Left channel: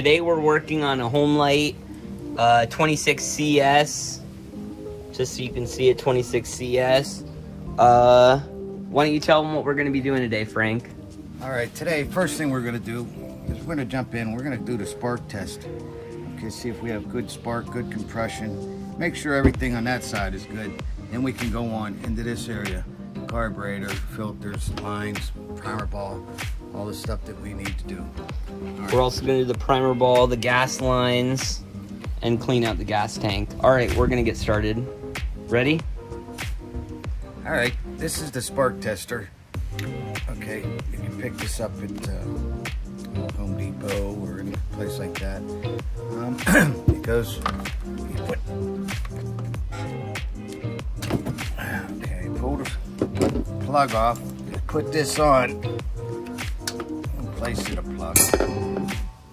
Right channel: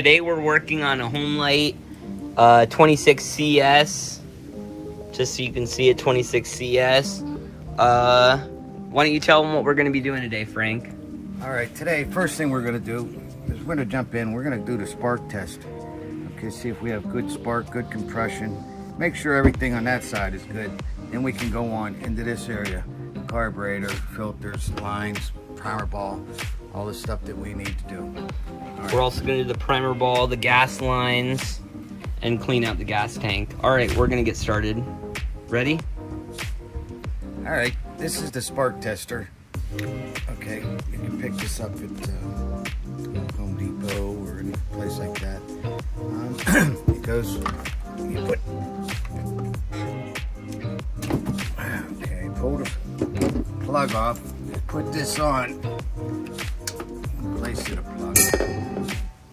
today we're working on a homelite 26 CS. Just so you can see it, 26 CS. Why don't you tell them what we're going to be doing today, Frank? All right, today, first thing we're going to do is we're going to jump in. We're going to do the spark test. Okay, see if we have good spark, good compression. Make sure everything on that side is good. Then we can go on into this area. Carburetor, filters, lines, primer ball, all the stuff that we need to do. Right. We're also going to do the primer ball, the gas lines, and clean out the gas tank. All right, we're going to get started. Ready? All right, this is the spark tester. Okay, you can pick this up at Home Depot or any place like that. It goes, you put, okay, pull the plug off, put this on, place the plug.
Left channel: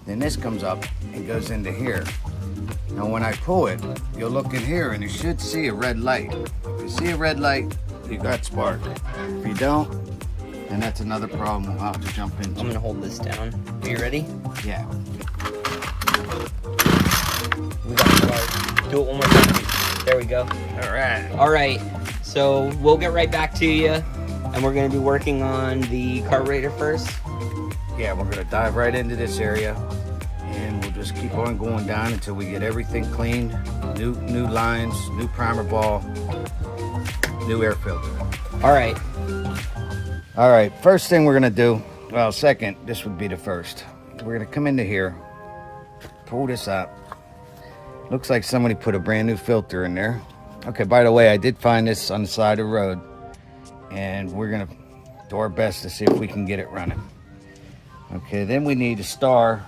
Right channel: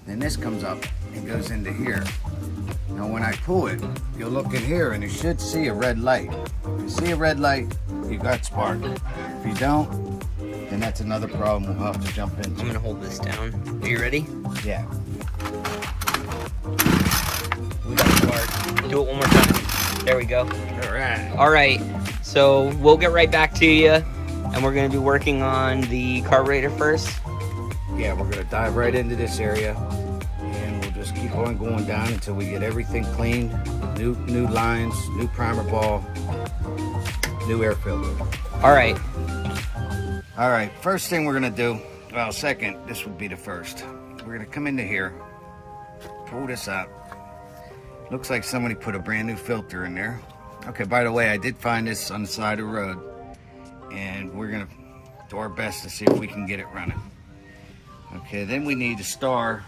Then this comes up and goes into here. Now when I pull it, you'll look in here and you should see a red light. If you see a red light, you got spark. If you don't, then that's another problem we'll have to jump into. I'm gonna hold this down. Are you ready? Yeah. We got spark. Do it one more time. There we go. All right. All right. So we'll get right back to you, and we're gonna be working on the carburetor first. Yeah, we're gonna dive right into this area, and we'll just keep on going down until we get everything cleaned. New lines, new primer ball, new air filter. All right. All right, first thing we're gonna do, well, second, this would be the first. We're gonna come into here, pull this out. Looks like somebody put a brand new filter in there. Okay, by the way, I did find this on the side of the road, and we're gonna do our best to see if we can get it running. Okay, then we need a star,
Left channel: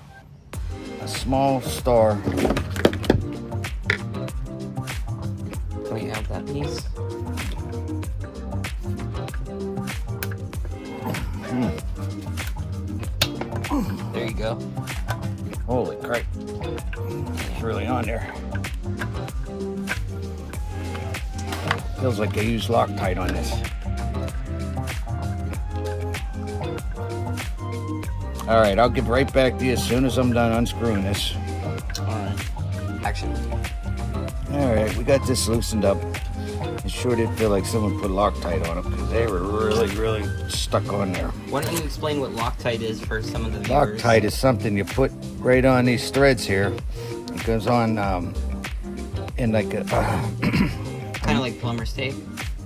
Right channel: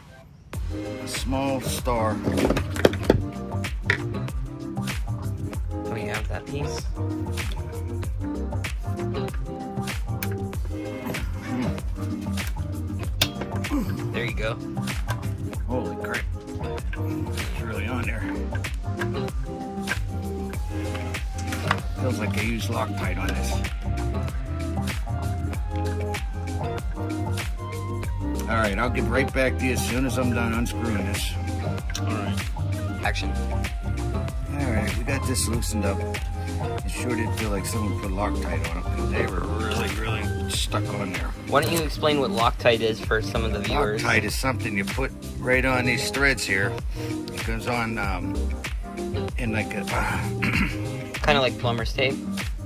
a small star. Oh, you have that piece? There you go. Holy crap. It's really on there. Feels like I used Loctite on this. All right, I'll get right back to you as soon as I'm done unscrewing this. All right. Action. All right, we got this loosened up. It sure did feel like someone put Loctite on it because they were really stuck on there. Why don't you explain what Loctite is for some of the viewers? Loctite is something you put right on these threads here. It goes on in like a... kind of like plumber's tape?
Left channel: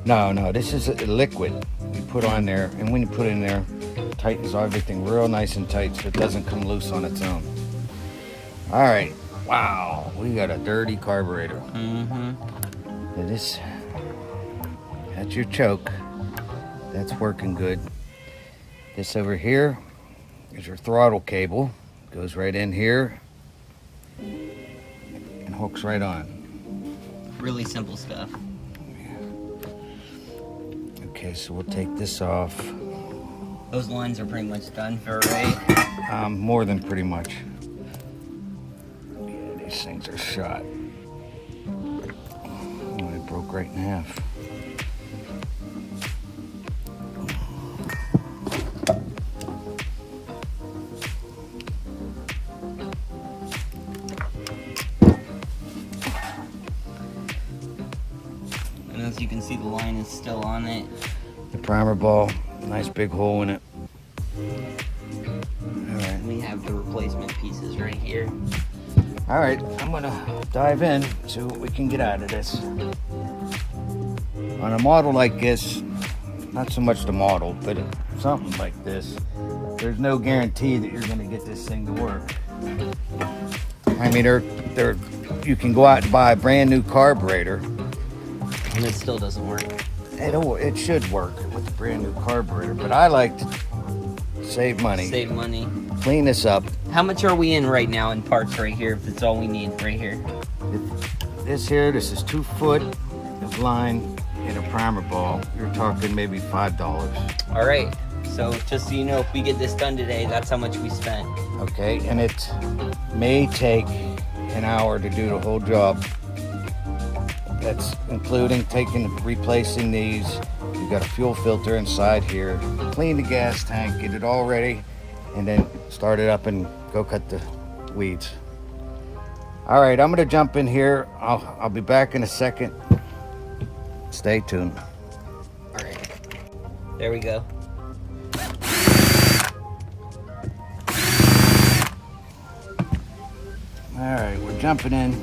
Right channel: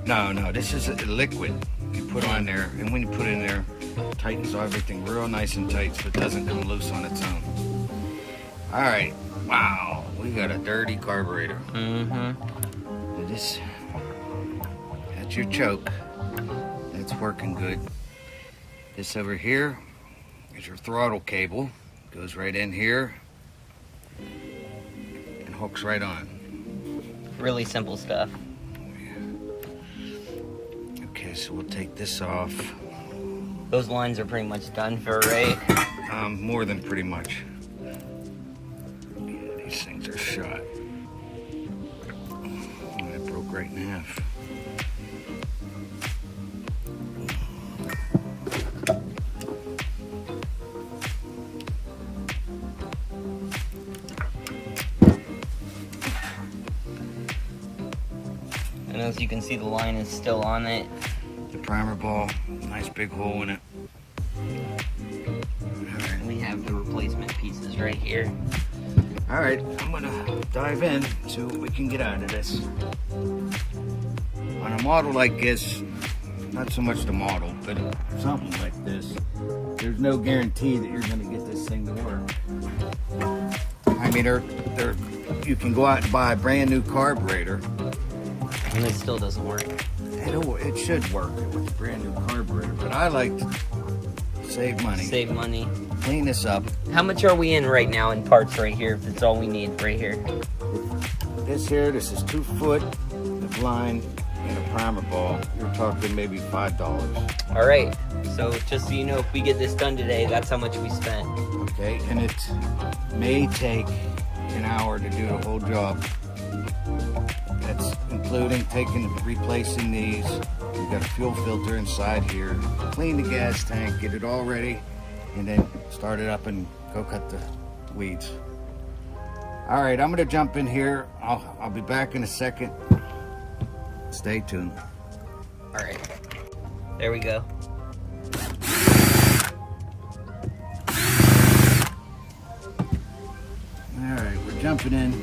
No, this is a liquid you put on there, and when you put it in there, it tightens everything real nice and tight so it doesn't come loose on its own. All right, wow, we got a dirty carburetor. Mm-hmm. This, that's your choke. That's working good. This over here is your throttle cable. Goes right in here and hooks right on. Really simple stuff. Okay, so we'll take this off. Those lines are pretty much done for, right? More than pretty much. Yeah, these things are shot. Oh, it broke right in half. And as you can see, the line is still on it. The primer ball, nice big hole in it. And we have the replacement pieces right here. All right, I'm gonna dive in, see what we can get out of this. On a model like this, not so much the model, but something like this, there's no guarantee that you're gonna get this thing to work. I mean, you can go out and buy a brand new carburetor, and it still doesn't work. It should work with a brand new carburetor, but I like to save money. Save money. Clean this up. How much are we in right now in parts right here, if it's all we need right here? This is 2 foot of line and a primer ball. You're talking maybe $5. All right, so just so you know, if we get this done today, that's how much we spent. Okay, and it may take an hour to do the whole job. That's including replacing these. You've got a fuel filter inside here. Clean the gas tank, get it all ready, and then start it up and go cut the weeds. All right, I'm gonna jump in here. I'll be back in a second. Stay tuned. All right, there we go. All right, we're jumping in.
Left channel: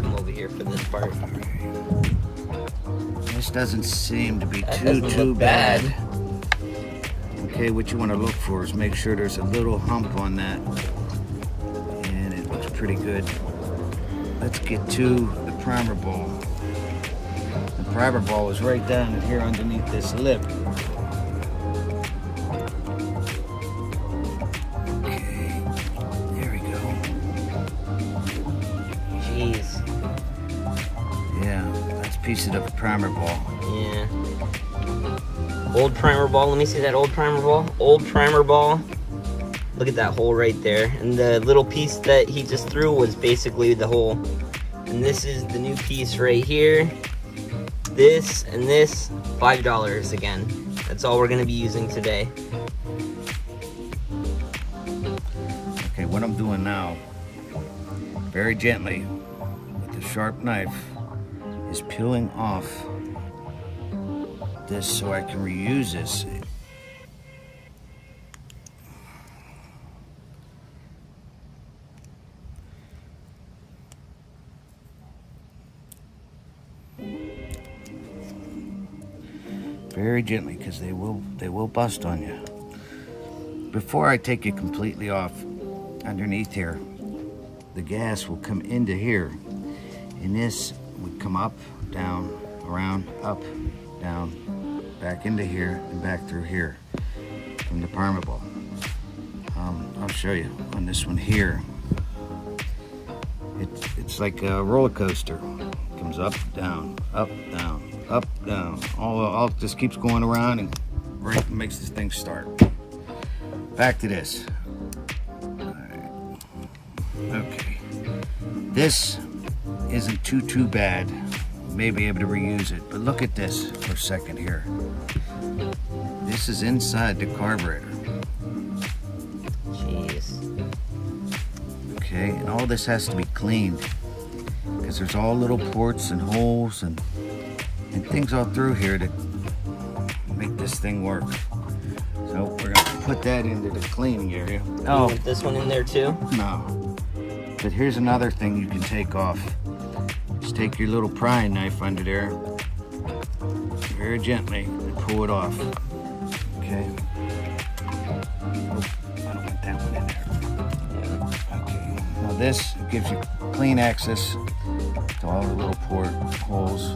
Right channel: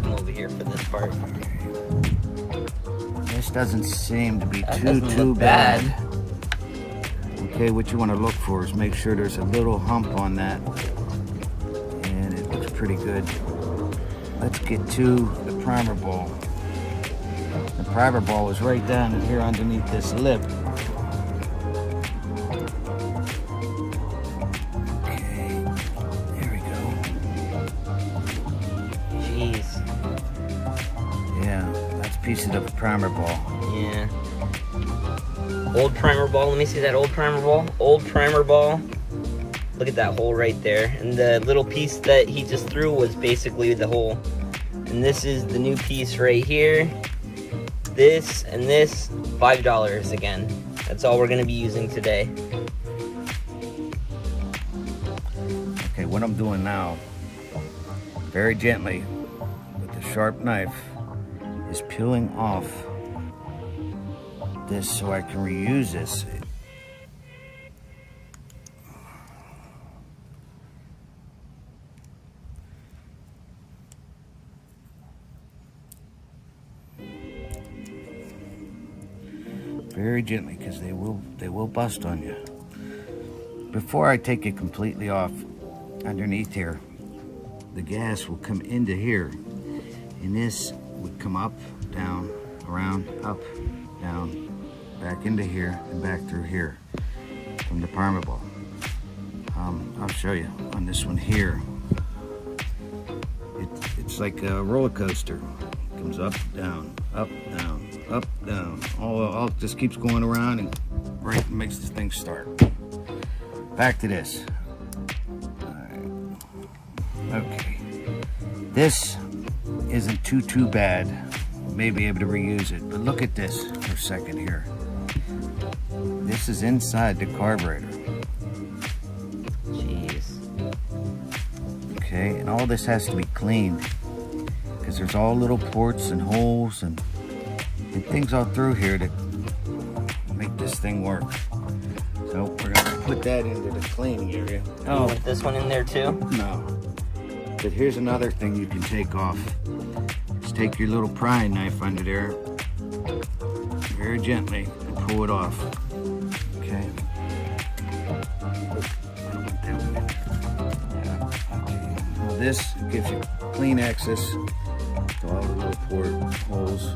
Come over here for this part. This doesn't seem to be That too doesn't look bad. bad. Okay, what you want to look for is make sure there's a little hump on that, and it looks pretty good. Let's get to the primer ball. The primer ball is right down here underneath this lip. Okay, there we go. Jeez. Yeah, that's a piece of the primer ball. Yeah. Old primer ball. Let me see that old primer ball. Old primer ball. Look at that hole right there. And the little piece that he just threw was basically the hole. And this is the new piece right here. This and this, $5 again. That's all we're gonna be using today. Okay, what I'm doing now, very gently, with a sharp knife, is peeling off this so I can reuse this. Very gently, because they will bust on you. Before I take it completely off, underneath here, the gas will come into here, and this would come up, down, around, up, down, back into here, and back through here from the primer ball. I'll show you on this one here. It's like a roller coaster. It comes up, down, up, down, up, down. All just keeps going around and right makes this thing start. Back to this. All right. Okay. This isn't too bad. May be able to reuse it, but look at this for a second here. This is inside the carburetor. Jeez. Okay, and all this has to be cleaned because there's all little ports and holes and things all through here that make this thing work. So we're gonna put that into the cleaning area. You want this one in there too? No. But here's another thing you can take off. Just take your little prying knife under there, very gently, and pull it off. Okay. Oh, I don't want that one in there. Yeah. Okay. Now this gives you clean access to all the little port holes.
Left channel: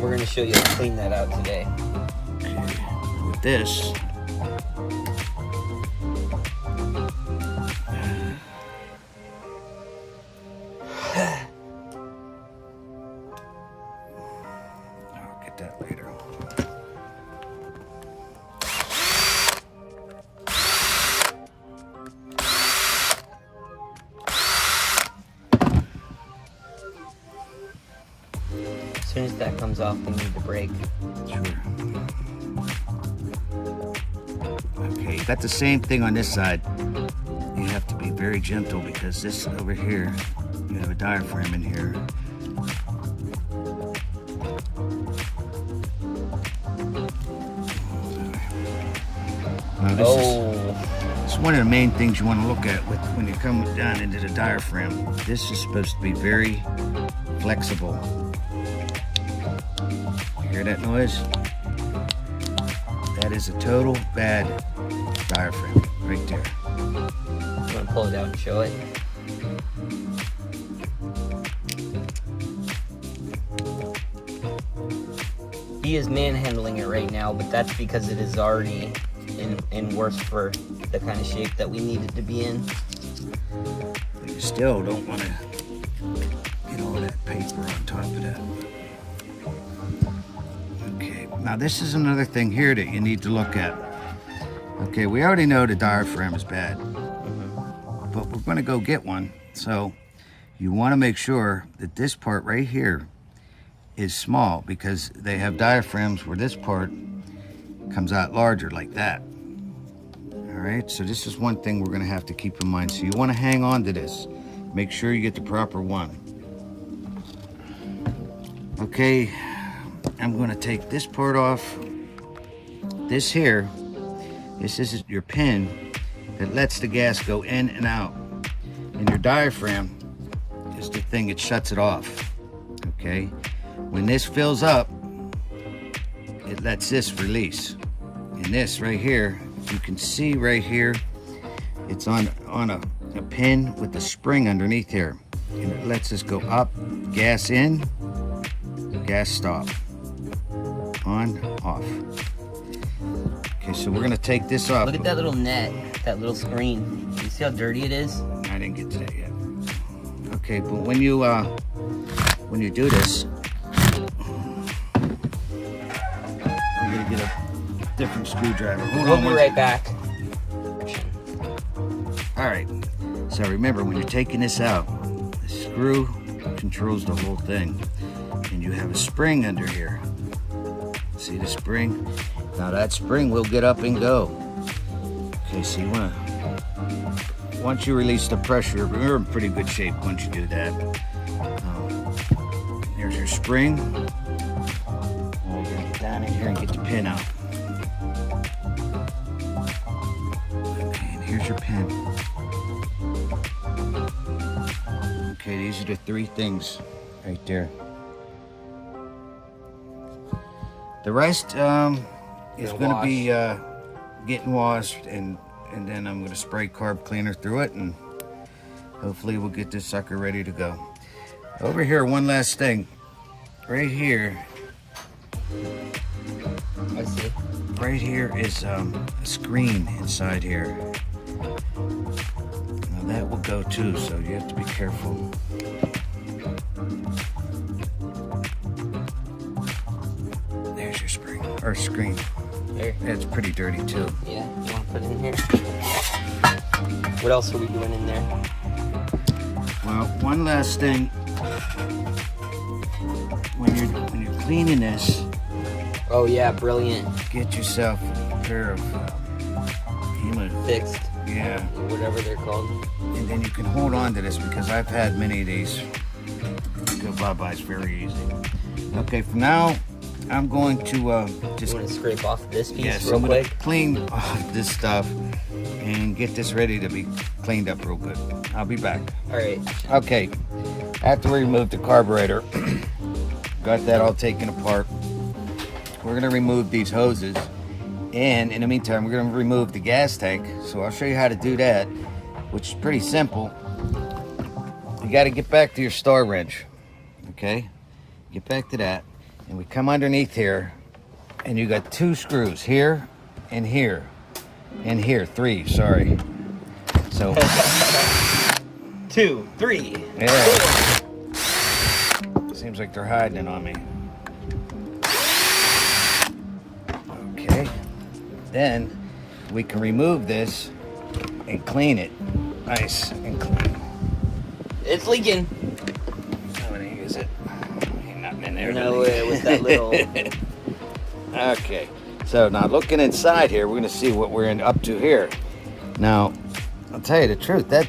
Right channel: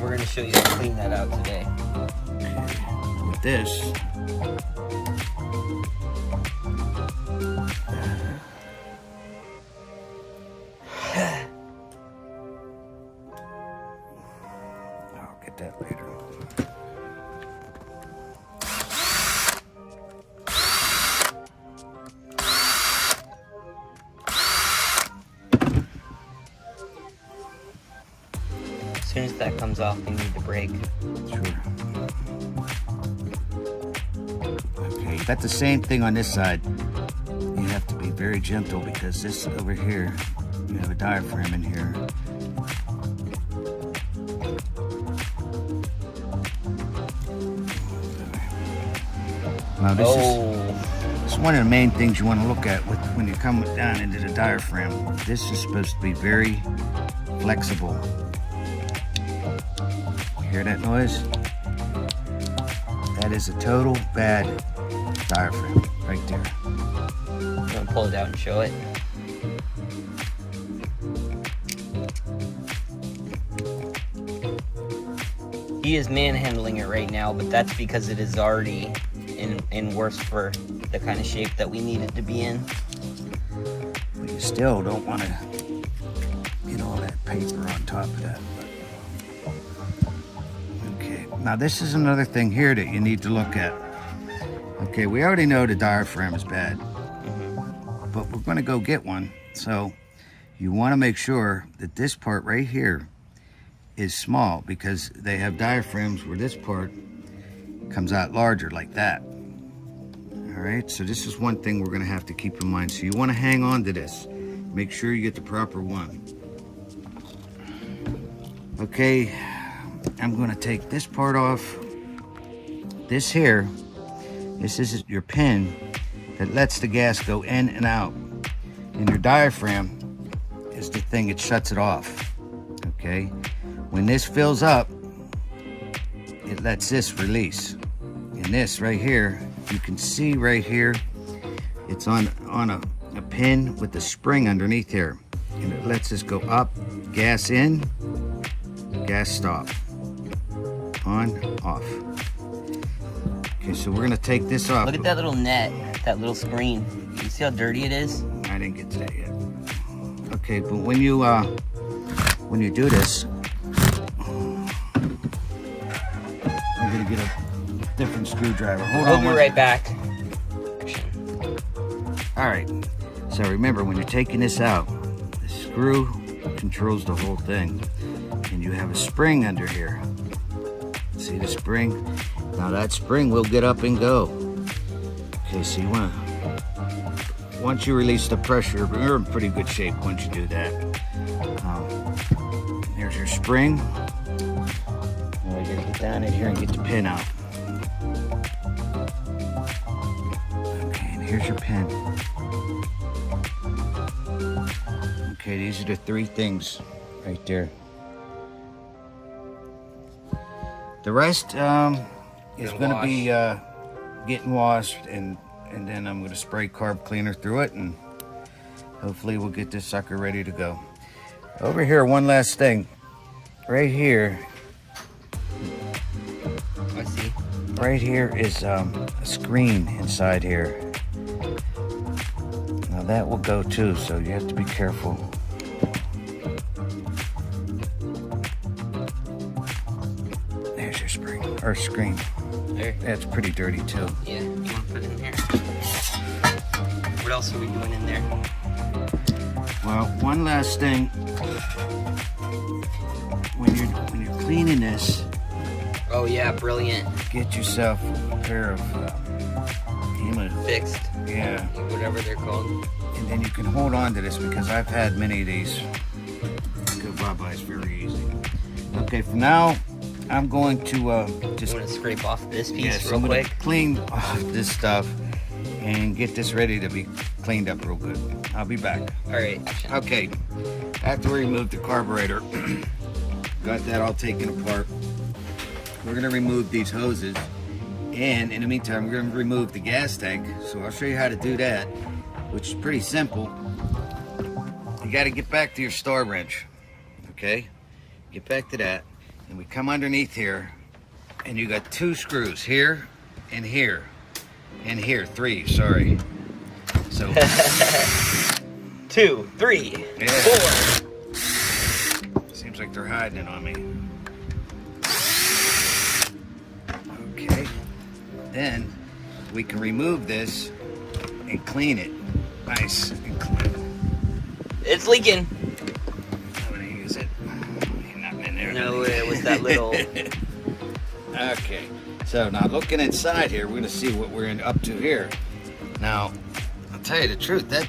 We're gonna show you how to clean that out today. Okay. Now with this, I'll get that later. As soon as that comes off, we need to brake. Sure. Okay, you got the same thing on this side. You have to be very gentle because this over here, you have a diaphragm in here. Now this is one of the main things you want to look at when you come down into the diaphragm. This is supposed to be very flexible. Hear that noise? That is a total bad diaphragm right there. You want to pull it out and show it? He is manhandling it right now, but that's because it is already in worse for the kind of shape that we need it to be in. But you still don't want to get all that paper on top of that. Okay, now this is another thing here that you need to look at. Okay, we already know the diaphragm is bad, but we're going to go get one. So you want to make sure that this part right here is small because they have diaphragms where this part comes out larger like that. All All right, so this is one thing we're gonna have to keep in mind. So you wanna hang on to this. Make sure you get the proper one. Okay, I'm gonna take this part off. This here, this is your pin that lets the gas go in and out. And your diaphragm is the thing that shuts it off, okay? When this fills up, it lets this release. And this right here, you can see right here, it's on a pin with the spring underneath here. And it lets this go up, gas in, gas stop, on, off. Okay, so we're gonna take this off. Look at that little net, that little screen. You see how dirty it is? I didn't get to that yet. Okay, but when you do this, I'm gonna get a different screwdriver. Hold We'll on. be right back. All right. So remember, when you're taking this out, the screw controls the whole thing, and you have a spring under here. See the spring? Now that spring will get up and go. Okay, so you wanna, once you release the pressure, you're in pretty good shape once you do that. Here's your spring. Now we're gonna get down in here and get the pin out. Okay, and here's your pin. Okay, these are the three things right there. The rest is going to be getting washed, and then I'm going to spray carb cleaner through it, and hopefully we'll get this sucker ready to go. Over here, one last thing. Right here. I see. Right here is a screen inside here. Now that will go too, so you have to be careful. There's your spring, or screen. There. That's pretty dirty too. Yeah, you want to put it in here? What else are we doing in there? Well, one last thing. When you're cleaning this, Oh yeah, brilliant. get yourself a pair of Fixed, yeah, whatever they're called. and then you can hold on to this, because I've had many of these. Go bye-byes very easy. Okay, for now, I'm going to just You want to scrape off this piece yes, real I'm gonna quick? clean off this stuff and get this ready to be cleaned up real good. I'll be back. All right. Okay, after we remove the carburetor, got that all taken apart. We're gonna remove these hoses, and in the meantime, we're gonna remove the gas tank. So I'll show you how to do that, which is pretty simple. You gotta get back to your star wrench, okay? Get back to that, and we come underneath here, and you got two screws here, and here, and here, three, sorry. So, 2, 3, yeah. 4. Seems like they're hiding it on me. Okay, then we can remove this and clean it. Nice and clean. It's leaking. How many is it? Nothing in there. No, it was that little. Okay, so now looking inside here, we're gonna see what we're up to here. Now, I'll tell you the truth, that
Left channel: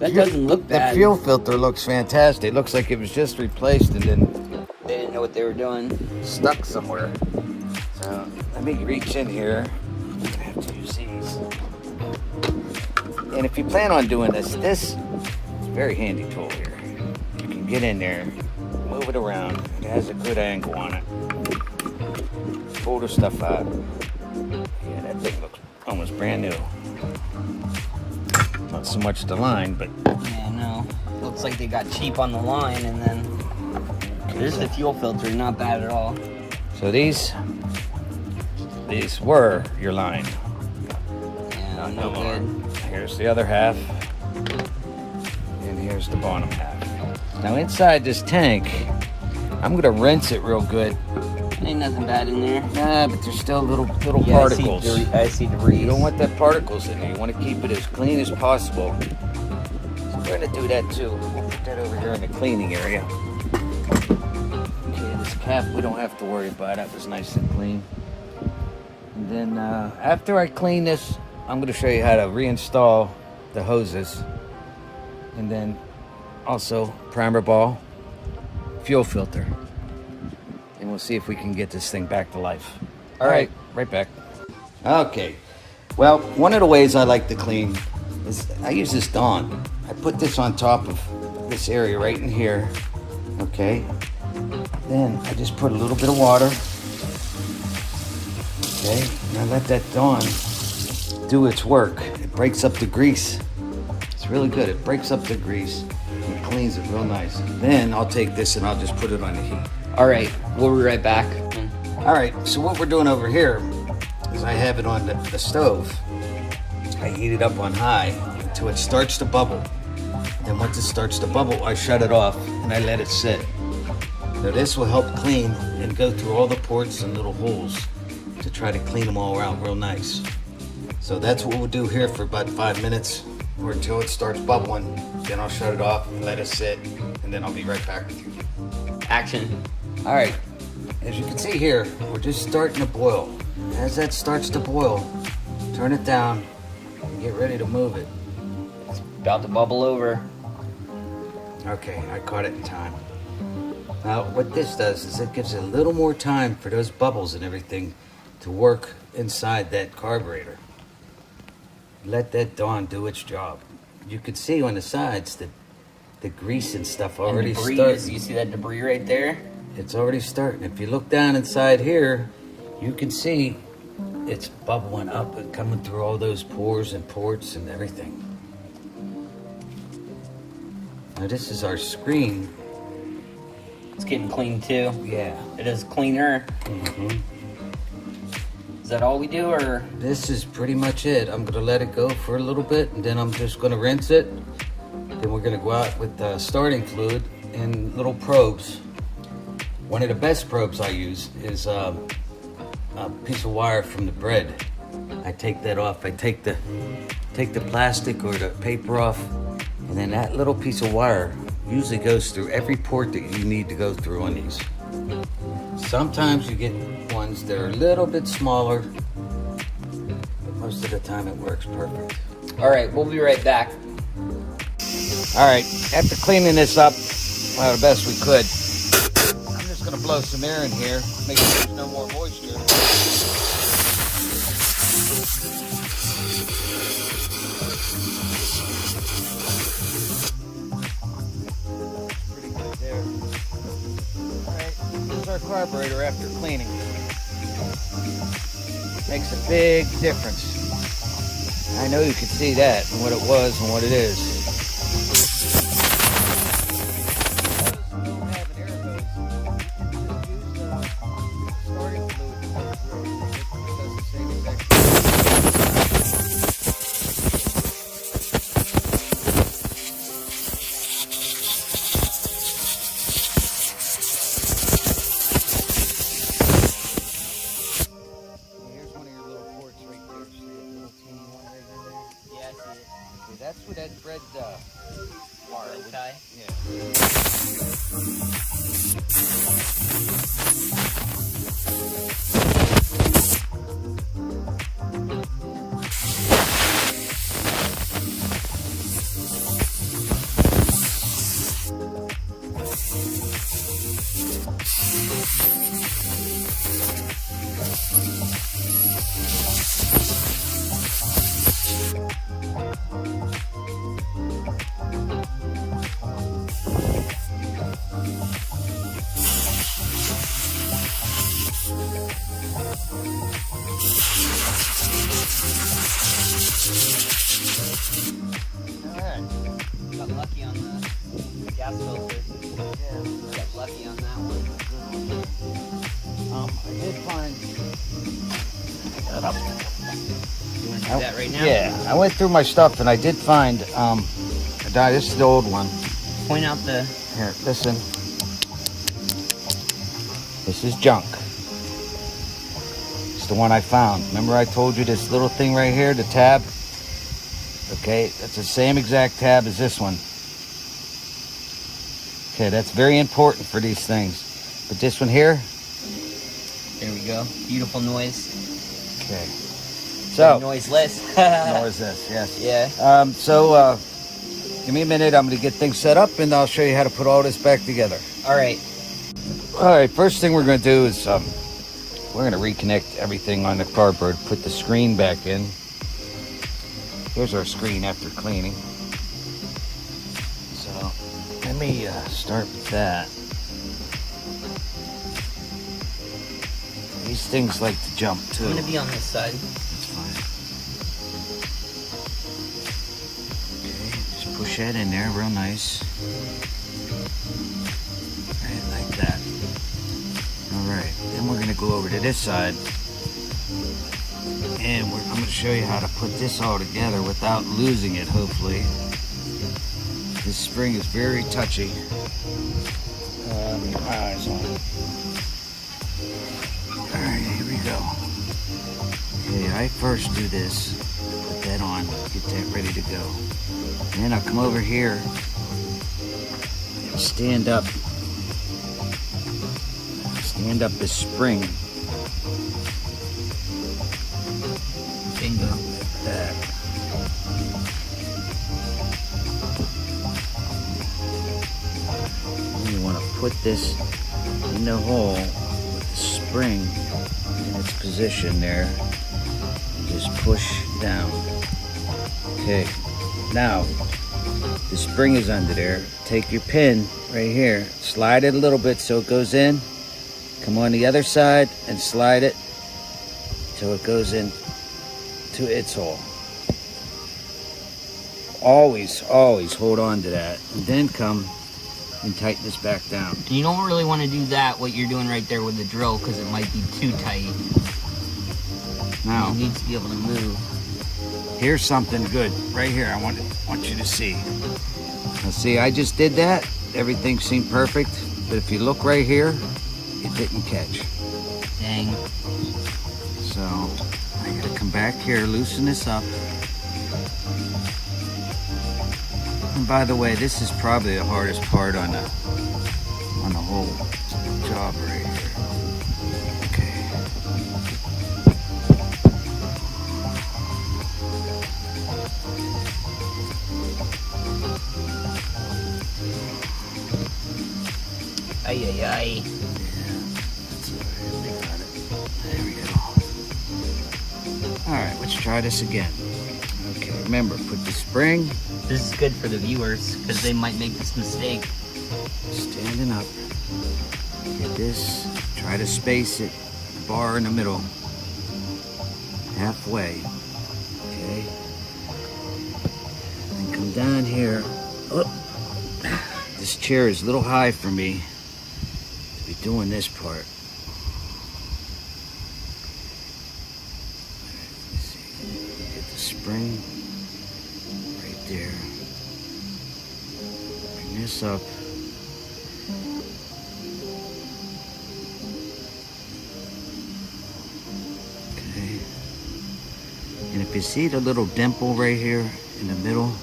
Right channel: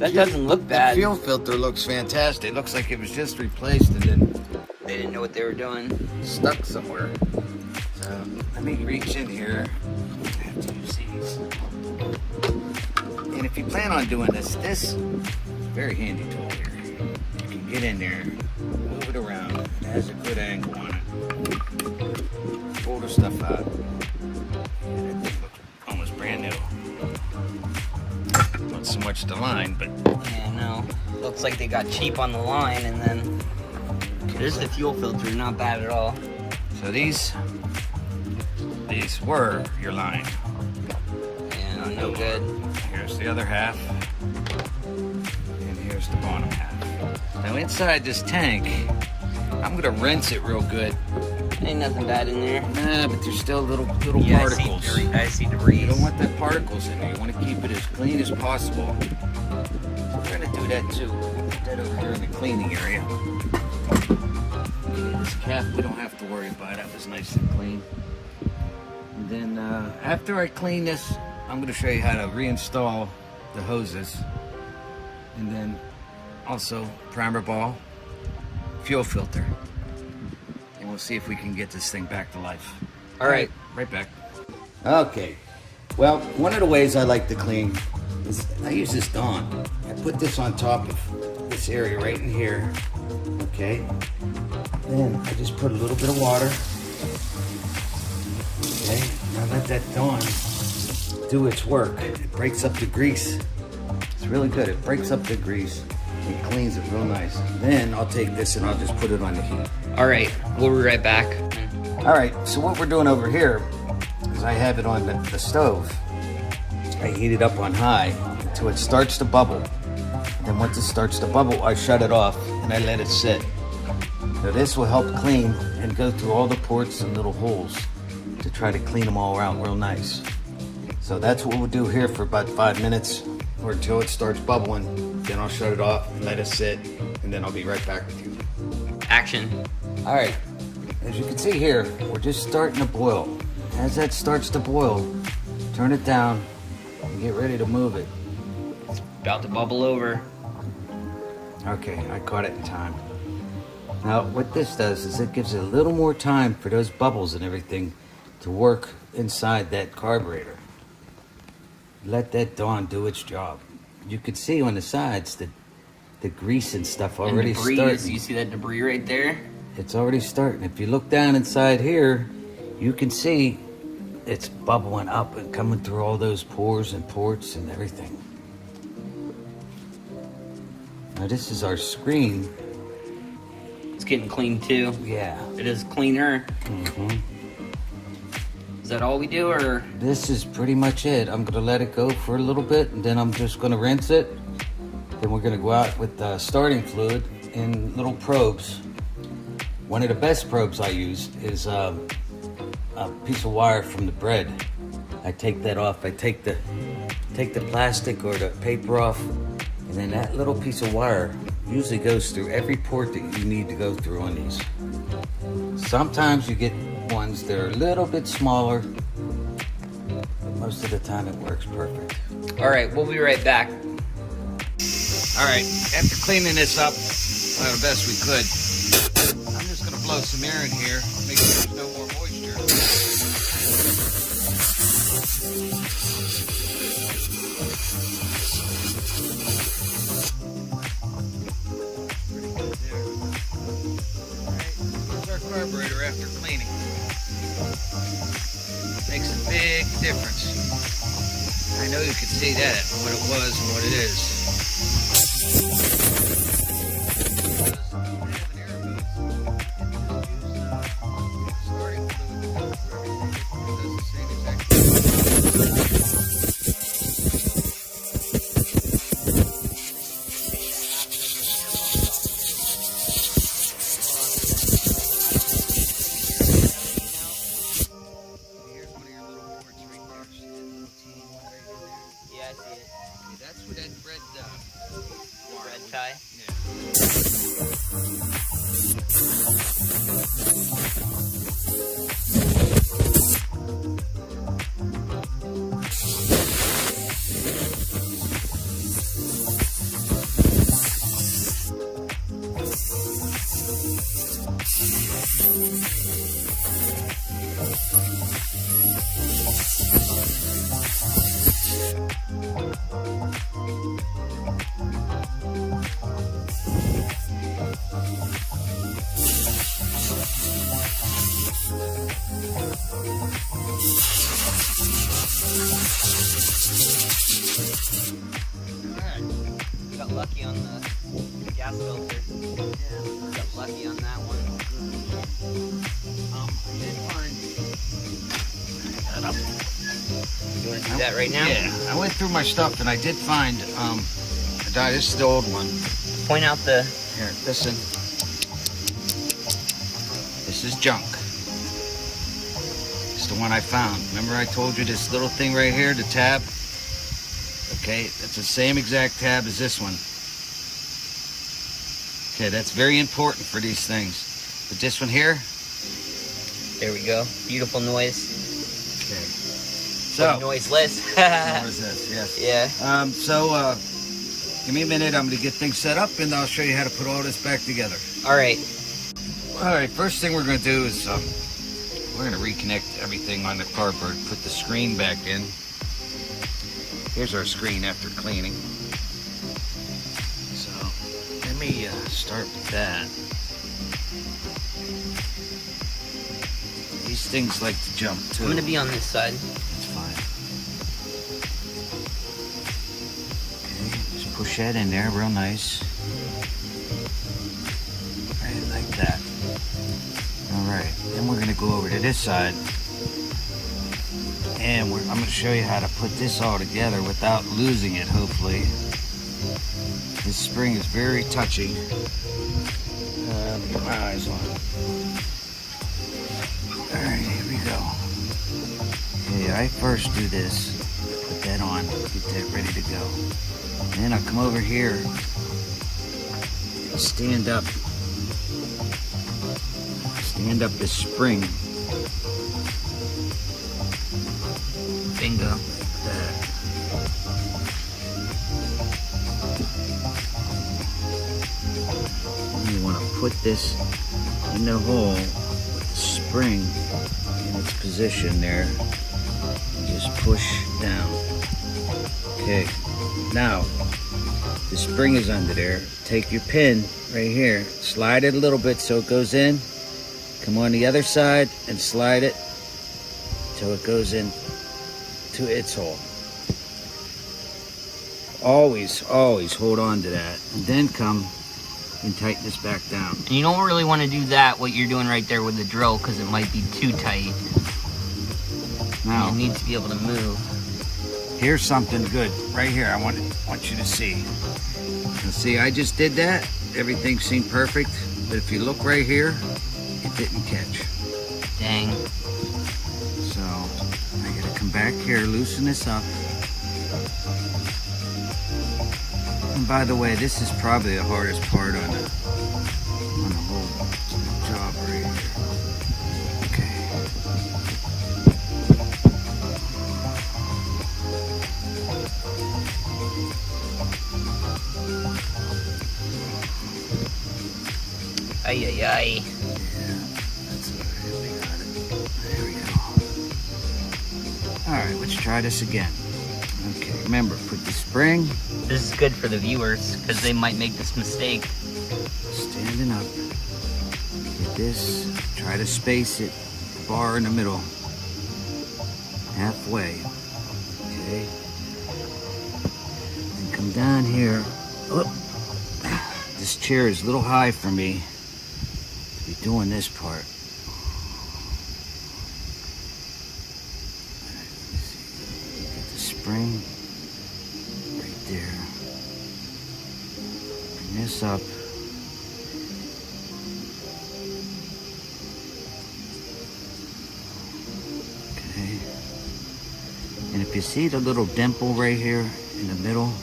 doesn't look that bad. fuel filter looks fantastic. It looks like it was just replaced and then They didn't know what they were doing. stuck somewhere. So let me reach in here. I have to use these. And if you plan on doing this is a very handy tool here. You can get in there, move it around. It has a good angle on it. Pull the stuff out. Yeah, that thing looks almost brand new. Not so much the line, but Yeah, no. Looks like they got cheap on the line, and then there's the fuel filter. Not bad at all. so these were your line. Yeah, no good. Here's the other half, and here's the bottom half. Now inside this tank, I'm gonna rinse it real good. Ain't nothing bad in there. Nah, but there's still little Yeah, particles. I see debris. You don't want that particles in there. You want to keep it as clean as possible. So we're gonna do that too. We'll put that over here in the cleaning area. Okay, this cap we don't have to worry about. That was nice and clean. And then after I clean this I'm going to show you how to reinstall the hoses, and then also primer ball, fuel filter, and we'll see if we can get this thing back to life. All right. Right back. Okay, well, one of the ways I like to clean is I use this Dawn. I put this on top of this area right in here, okay? Then I just put a little bit of water, okay? Now let that Dawn do its work. It breaks up the grease. It's really good. It breaks up the grease and cleans it real nice. Then I'll take this and I'll just put it on the heat. All right, we'll be right back. All right, so what we're doing over here is I have it on the stove. I heat it up on high until it starts to bubble. Then once it starts to bubble, I shut it off and I let it sit. Now this will help clean and go through all the ports and little holes to try to clean them all out real nice. So that's what we'll do here for about 5 minutes or until it starts bubbling. Then I'll shut it off and let it sit, and then I'll be right back with you. Action. All right, as you can see here, we're just starting to boil. As that starts to boil, turn it down and get ready to move it. About to bubble over. Okay, I caught it in time. Now, what this does is it gives it a little more time for those bubbles and everything to work inside that carburetor. Let that Dawn do its job. You can see on the sides that the grease and stuff already And debris, starting. you see that debris right there? It's already starting. If you look down inside here, you can see it's bubbling up and coming through all those pores and ports and everything. Now this is our screen. It's getting clean too. Yeah. It is cleaner. Mm-hmm. Is that all we do, or? This is pretty much it. I'm gonna let it go for a little bit, and then I'm just gonna rinse it. Then we're gonna go out with starting fluid and little probes. One of the best probes I use is a piece of wire from the bread. I take that off. I take the plastic or the paper off, and then that little piece of wire usually goes through every port that you need to go through on these. Sometimes you get ones that are a little bit smaller, but most of the time it works perfect. All right, we'll be right back. All right, after cleaning this up, well, the best we could, I'm just gonna blow some air in here, make sure there's no more moisture. Carburetor after cleaning. Makes a big difference. I know you can see that and what it was and what it is. Yeah, I see it. Okay, that's what that red wire Red tie? Got lucky on the gas filter. Yeah. Got lucky on that one. I did find. That up. You want to do that right now? Yeah, I went through my stuff and I did find. This is the old one. Point out the. Here, listen. This is junk. It's the one I found. Remember I told you this little thing right here, the tab? Okay, that's the same exact tab as this one. Okay, that's very important for these things. But this one here? There we go. Beautiful noise. Okay. So, noiseless. more is this, yes. Yeah. Give me a minute. I'm going to get things set up, and I'll show you how to put all this back together. All right. All right, first thing we're going to do is we're going to reconnect everything on the carburetor, put the screen back in. Here's our screen after cleaning. So let me start with that. These things like to jump too. I'm going to be on this side. That's fine. Okay, just push that in there real nice. Right, like that. All right, then we're gonna go over to this side, and I'm gonna show you how to put this all together without losing it, hopefully. This spring is very touchy. Let me get my eyes on it. All right, here we go. Okay, I first do this, put that on, get that ready to go. Then I'll come over here and stand up this spring. Bingo. Like that. And you want to put this in the hole with the spring in its position there. And just push down. Okay. Now, the spring is under there. Take your pin right here, slide it a little bit so it goes in. Come on the other side and slide it till it goes in to its hole. Always hold on to that, and then come and tighten this back down. And you don't really want to do that, what you're doing right there with the drill, because it might be too tight. Now, it needs to be able to move. here's something good right here. I want you to see. Now see, I just did that. Everything seemed perfect, but if you look right here, it didn't catch. Dang. So I gotta come back here, loosen this up. And by the way, this is probably the hardest part on the whole job right here. Okay. Ay, ay, ay. Yeah, that's all right. We got it. There we go. All right, let's try this again. Okay, remember, put the spring. This is good for the viewers, because they might make this mistake. Standing up. Get this. Try to space it. The bar in the middle. Halfway. Okay. And come down here. Oh. This chair is a little high for me to be doing this part. Let me see. Get the spring right there. Bring this up. Okay. And if you see the little dimple right here in the middle,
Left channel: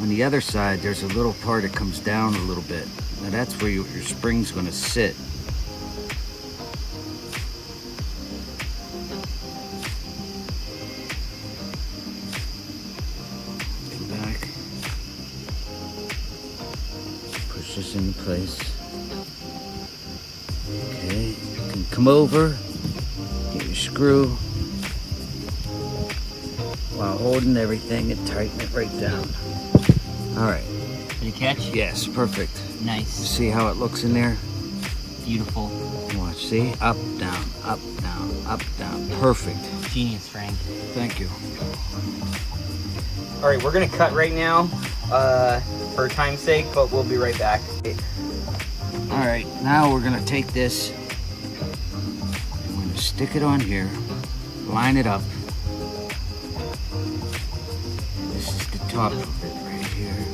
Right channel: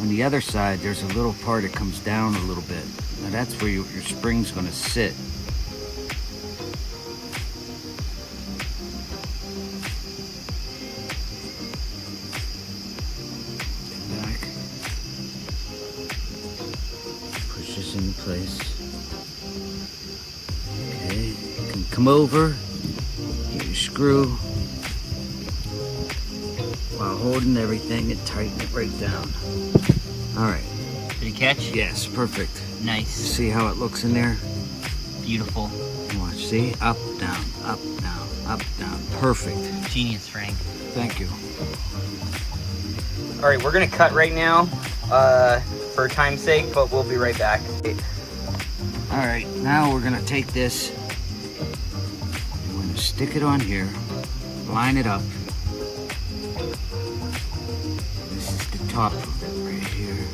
on the other side, there's a little part that comes down a little bit. Now that's where your spring's going to sit. Come back. Push this into place. Okay, you can come over, get your screw while holding everything and tighten it right down. All right. Did you catch? Yes, perfect. Nice. See how it looks in there? Beautiful. Watch, see? Up, down, up, down, up, down. Perfect. Genius, Frank. Thank you. All right, we're gonna cut right now for time's sake, but we'll be right back. All right, now we're gonna take this and we're gonna stick it on here, line it up. And this is the top of it right here.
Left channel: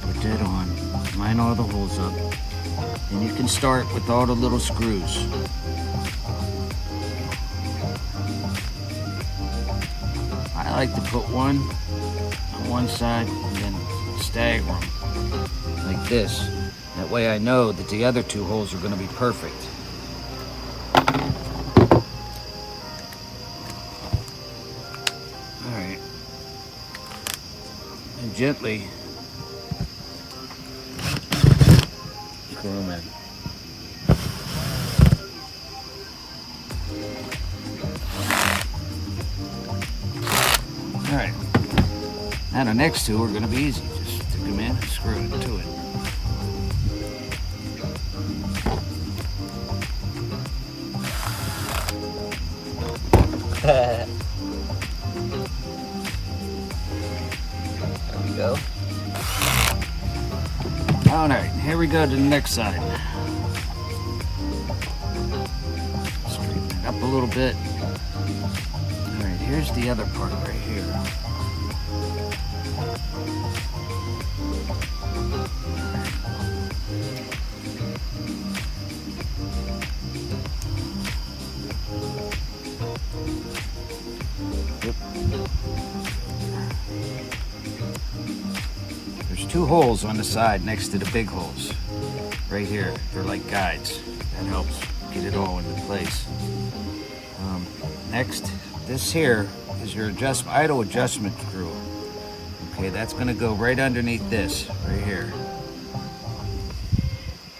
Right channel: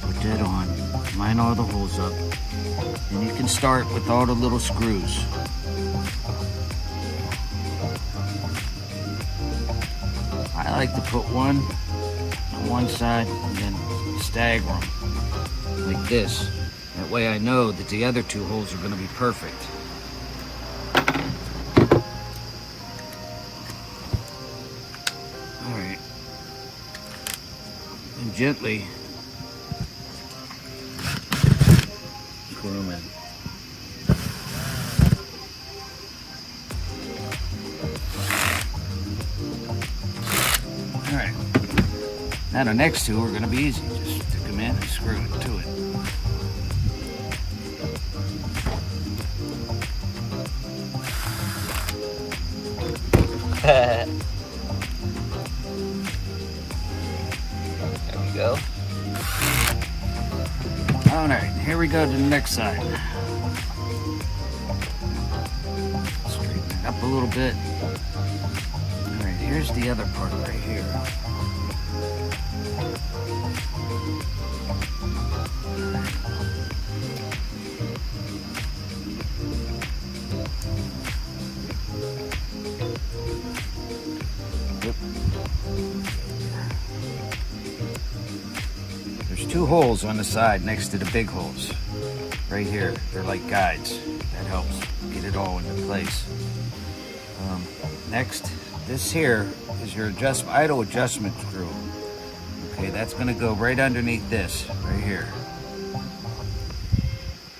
Put that on, line all the holes up. And you can start with all the little screws. I like to put one on one side and then stagger them like this. That way I know that the other two holes are going to be perfect. gently screw them in. All right. Now the next two are going to be easy. Just stick them in and screw it to it. There we go. All right, here we go to the next side. Straighten it up a little bit. All right, here's the other part right here. There's two holes on the side next to the big holes. Right here, they're like guides. That helps get it all into place. Next, this here is your idle adjustment screw. Okay, that's gonna go right underneath this, right here.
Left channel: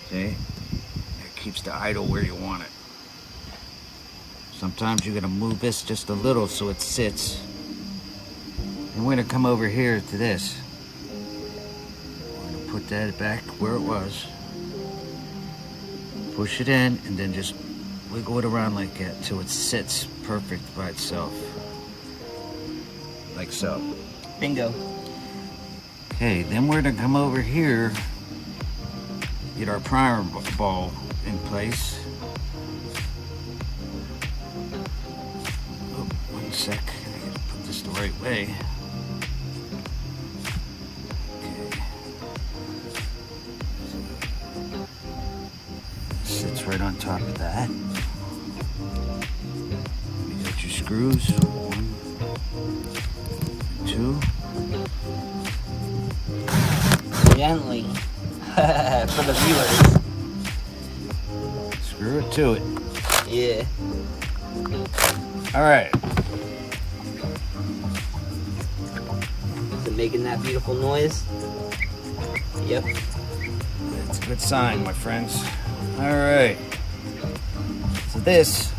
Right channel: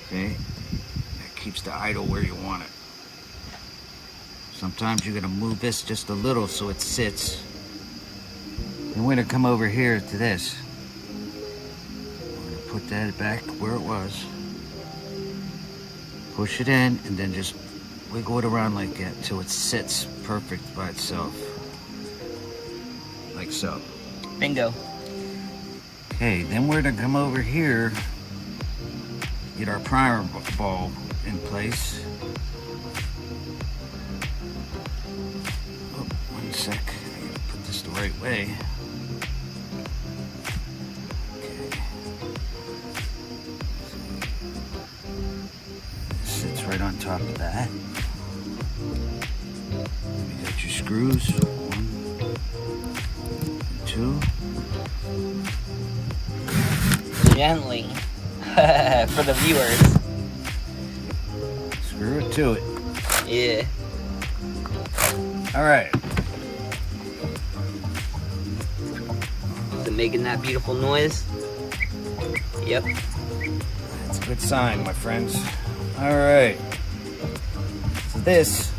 See? It keeps the idle where you want it. Sometimes you're gonna move this just a little so it sits. And we're gonna come over here to this. We're gonna put that back where it was. Push it in and then just wiggle it around like that till it sits perfect by itself. Like so. Bingo. Okay, then we're gonna come over here, get our primer ball in place. Oh, one sec, I gotta put this the right way. Okay. Sits right on top of that. You got your screws, 1 and 2. Gently. For the viewers. Screw it to it. Yeah. All right. Is it making that beautiful noise? Yep. That's a good sign, my friends. All right. So this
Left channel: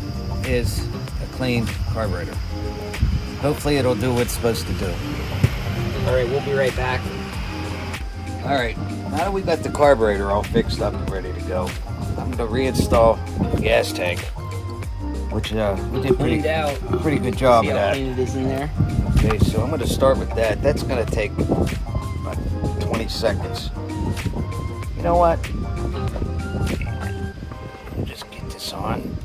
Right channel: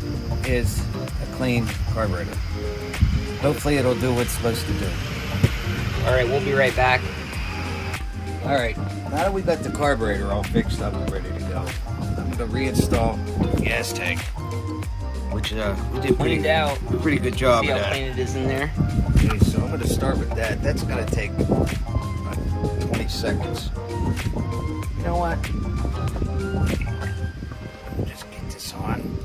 is a clean carburetor. Hopefully it'll do what it's supposed to do. All right, we'll be right back. All right, now that we got the carburetor all fixed up and ready to go, I'm gonna reinstall the gas tank, which we did pretty good job See of how that. clean it is in there? Okay, so I'm gonna start with that. That's gonna take about 20 seconds. You know what? I'll just get this on.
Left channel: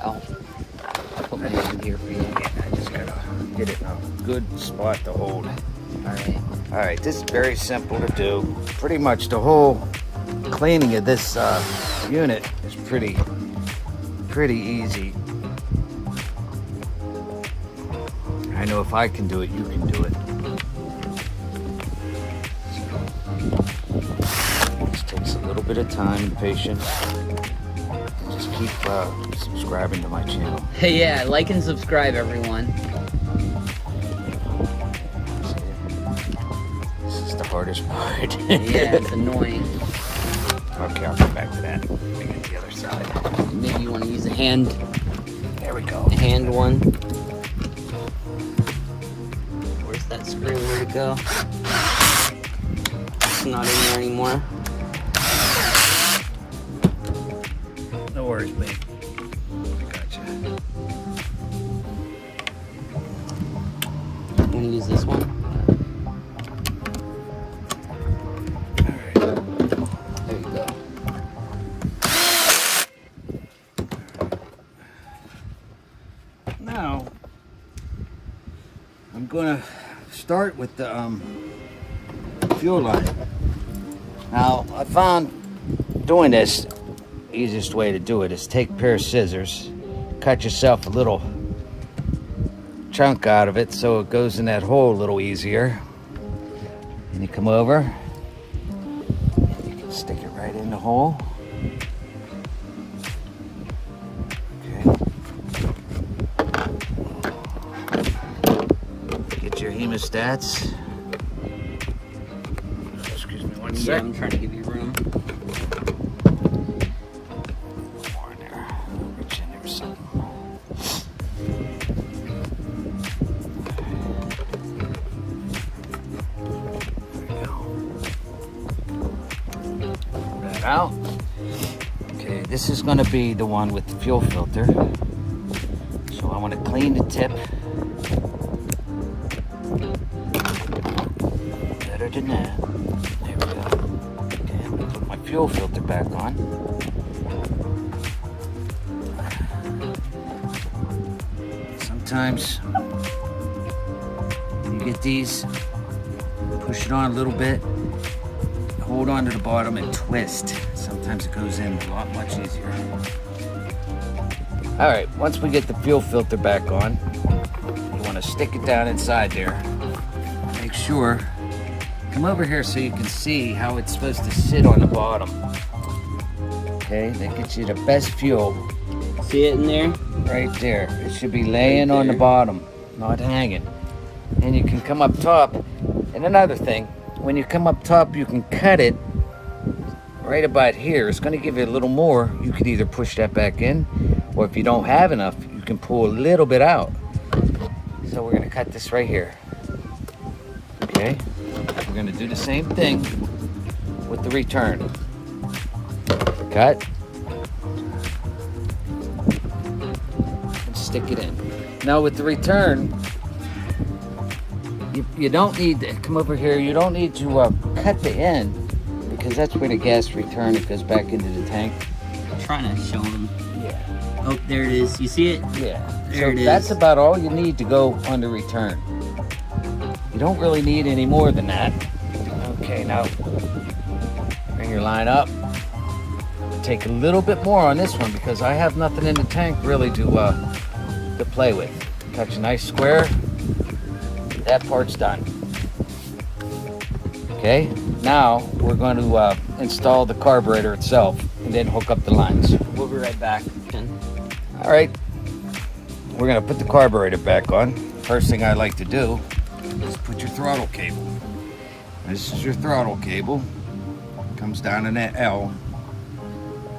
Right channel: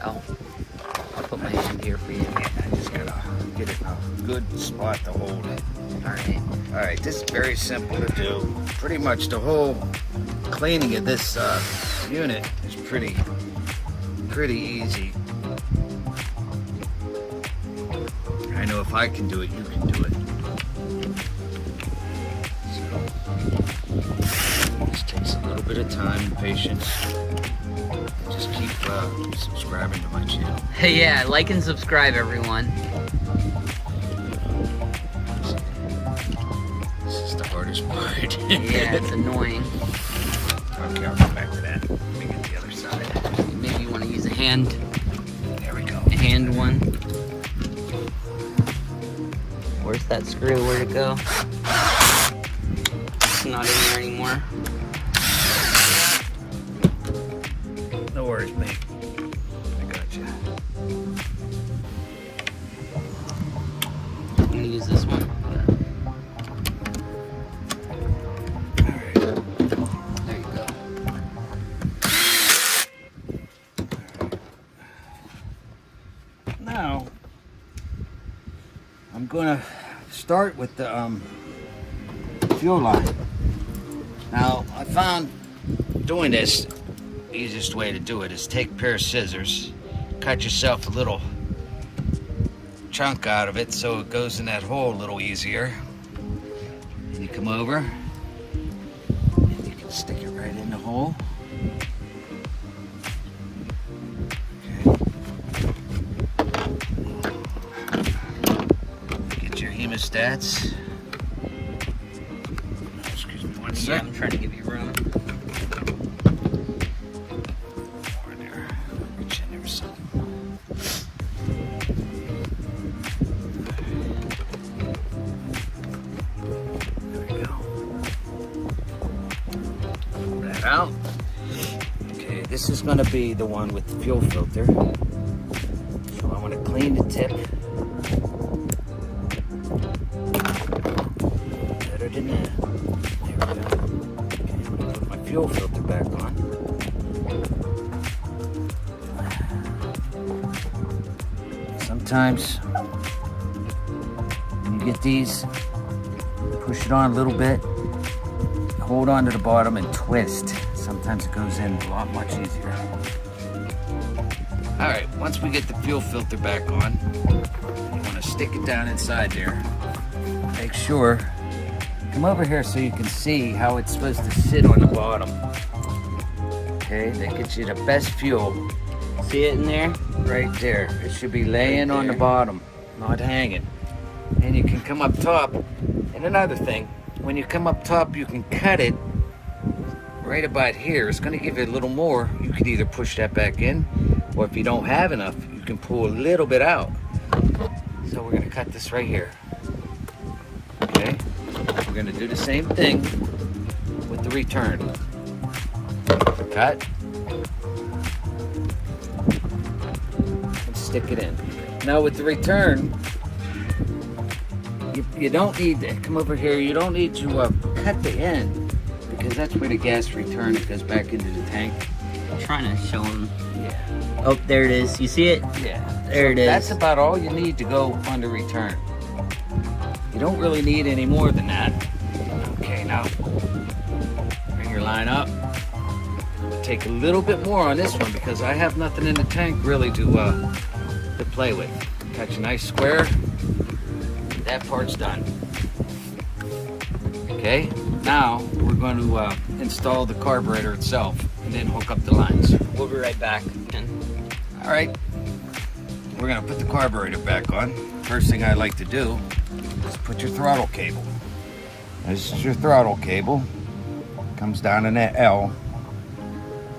I'll put my hand here for you. I just gotta get it in a good spot to hold it. Alright. All right, this is very simple to do. Pretty much the whole cleaning of this unit is pretty easy. I know if I can do it, you can do it. This takes a little bit of time and patience. Just keep subscribing to my channel. Hey, yeah, like and subscribe, everyone. This is the hardest part. Yeah, it's annoying. Okay, I'll come back to that. Maybe the other side. Maybe you want to use a hand There we go. one. Where's that screw? Where'd it go? It's not in there anymore. No worries, babe. I got you. I'm gonna use this one. All right. There you go. Now, I'm gonna start with the fuel line. Now, I found doing this, the easiest way to do it is take a pair of scissors, cut yourself a little chunk out of it so it goes in that hole a little easier. And you come over, and you can stick it right in the hole. Okay. Get your hemostats. Excuse me one Yeah, sec. I'm trying to give you room. More in there. Reach in there a second. Out. Okay, this is going to be the one with the fuel filter. So I want to clean the tip. Better than that. There we go. Okay, I'm going to put my fuel filter back on. Sometimes when you get these, push it on a little bit. Hold on to the bottom and twist. Sometimes it goes in a lot much easier. All right, once we get the fuel filter back on, you want to stick it down inside there. Make sure, come over here so you can see how it's supposed to sit on the bottom. Okay, that gets you the best fuel. See it in there? Right there. It should be laying on the bottom, not hanging. And you can come up top. And another thing, when you come up top, you can cut it right about here. It's going to give you a little more. You can either push that back in, or if you don't have enough, you can pull a little bit out. So we're going to cut this right here. Okay? We're going to do the same thing with the return. Cut. And stick it in. Now with the return, you don't need to come over here. You don't need to cut the end, because that's where the gas return goes back into the tank. I'm trying to show him. Yeah. Oh, there it is. You see it? Yeah. There it is. That's about all you need to go on the return. You don't really need any more than that. Okay, now bring your line up. Take a little bit more on this one because I have nothing in the tank really to play with. Catch a nice square. That part's done. Okay, now we're going to install the carburetor itself and then hook up the lines. We'll be right back. All right, we're going to put the carburetor back on. First thing I like to do is put your throttle cable. This is your throttle cable. Comes down in that L.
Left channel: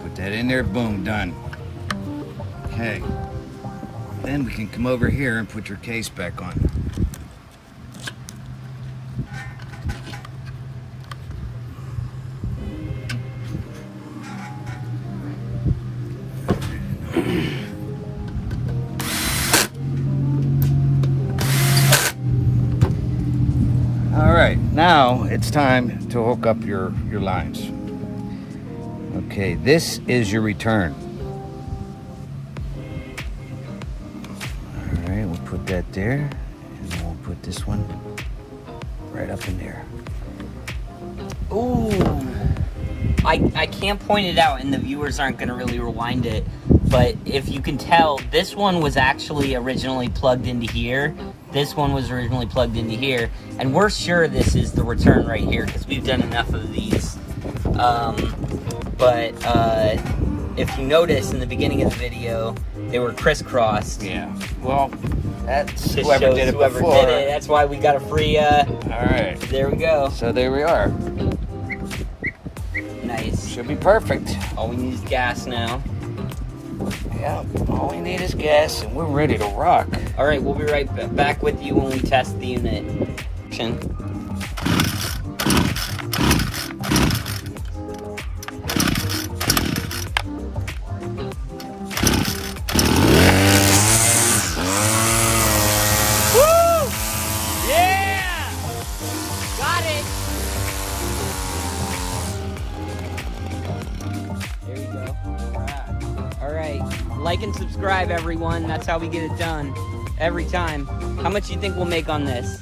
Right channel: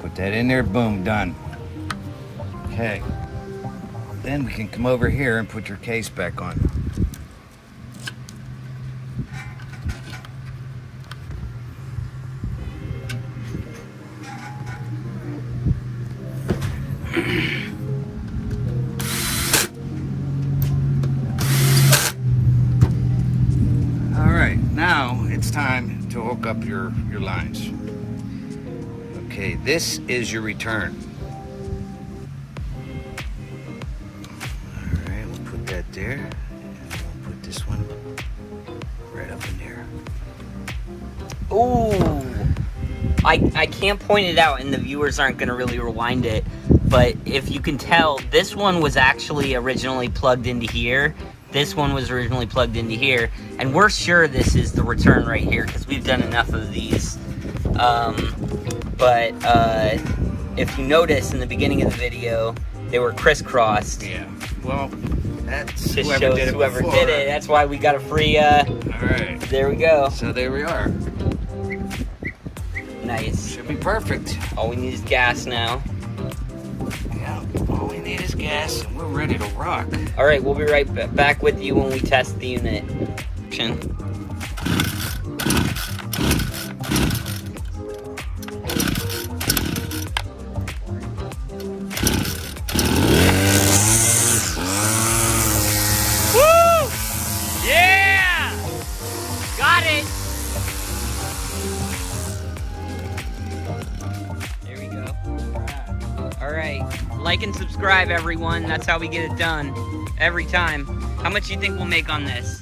Put that in there, boom, done. Okay, then we can come over here and put your case back on. All right, now it's time to hook up your lines. Okay, this is your return. All right, we'll put that there, and then we'll put this one right up in there. Ooh. I can't point it out, and the viewers aren't going to really rewind it, but if you can tell, this one was actually originally plugged into here. This one was originally plugged into here, and we're sure this is the return right here because we've done enough of these. But if you notice in the beginning of the video, they were crisscrossed. Yeah, well, that's Just whoever shows did it whoever before. did it. That's why we got a free, All right, there we go. so there we are. Nice. Should be perfect. All we need is gas now. Yeah, all we need is gas, and we're ready to rock. All right, we'll be right back with you when we test the unit. Woo! Yeah! Got it! There we go. All right, like and subscribe, everyone. That's how we get it done every time. How much do you think we'll make on this?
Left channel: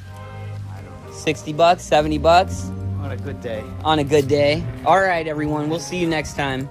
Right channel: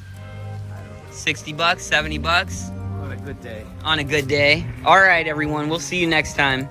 60 bucks, 70 bucks? On a good day. On a good day. All right, everyone. We'll see you next time.